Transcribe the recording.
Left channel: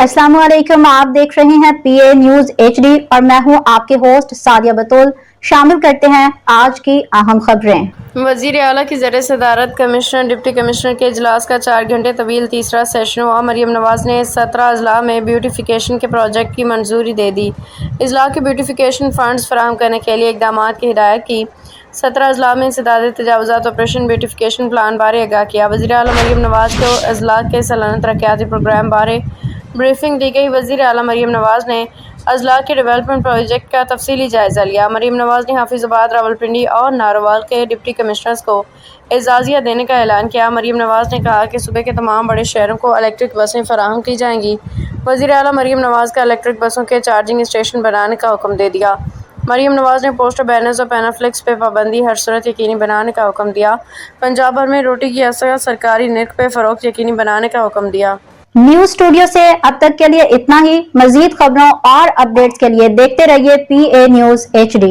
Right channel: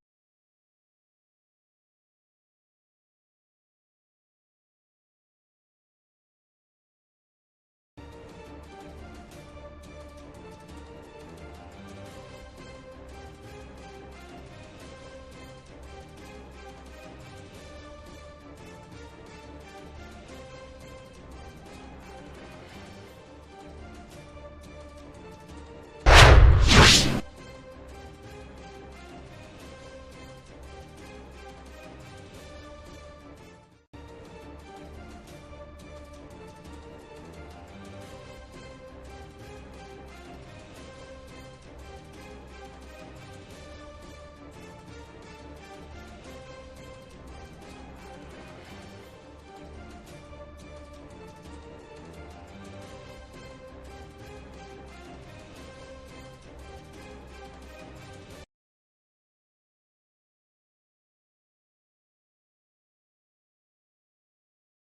अस्सलाम वालेकुम, आप देख रहे हैं PA न्यूज HD और मैं हूं आपके होस्ट सादिया बतूल। शामिल करते हैं आज की अहम खबरें। वज़ीर आला की ज़रिए सदारत कमिश्नर डिप्टी कमिश्नर के इजलास का 4 घंटे तवील तीसरा सेशन हुआ। मरियम नवाज़ ने 17 अजला में ब्यूटिफिकेशन के प्रोजेक्ट की मंजूरी दे दी। अजला के ब्यूटिफिकेशन फंड्स फराहम करने के लिए इकदामात की हिदायत की। 17 अजला में इंसदाद तजावुज़ात ऑपरेशन ब्यूटिफिकेशन प्लान बारे आगाह किया। वज़ीर आला मरियम नवाज़ को अजला के सालाना तरक्याती प्रोग्राम बारे ब्रीफिंग दी गई। वज़ीर आला मरियम नवाज़ ने अजला के डेवलपमेंट प्रोजेक्ट का तफसीली जायज़ा लिया। मरियम नवाज़ ने हाफिज़ाबाद, रावलपिंडी और नारोवाल के डिप्टी कमिश्नर्स को एजाज़िया देने का ऐलान किया। मरियम नवाज़ ने कहा कि सूबे के तमाम बड़े शहरों को इलेक्ट्रिक बसें फराहम की जाएंगी। वज़ीर आला मरियम नवाज़ का इलेक्ट्रिक बसों के चार्जिंग स्टेशन बनाने का हुक्म दे दिया। मरियम नवाज़ ने पोस्टर, बैनर्स और पैनाफ्लेक्स पे पाबंदी हर सूरत यकीनी बनाने का हुक्म दिया। पंजाब भर में रोटी की असर सरकारी नर्ख पे फ़रोख्त यकीनी बनाने का हुक्म दिया। न्यूज स्टूडियो से अब तक के लिए इतना ही। मजीद खबरों और अपडेट्स के लिए देखते रहिए PA न्यूज HD।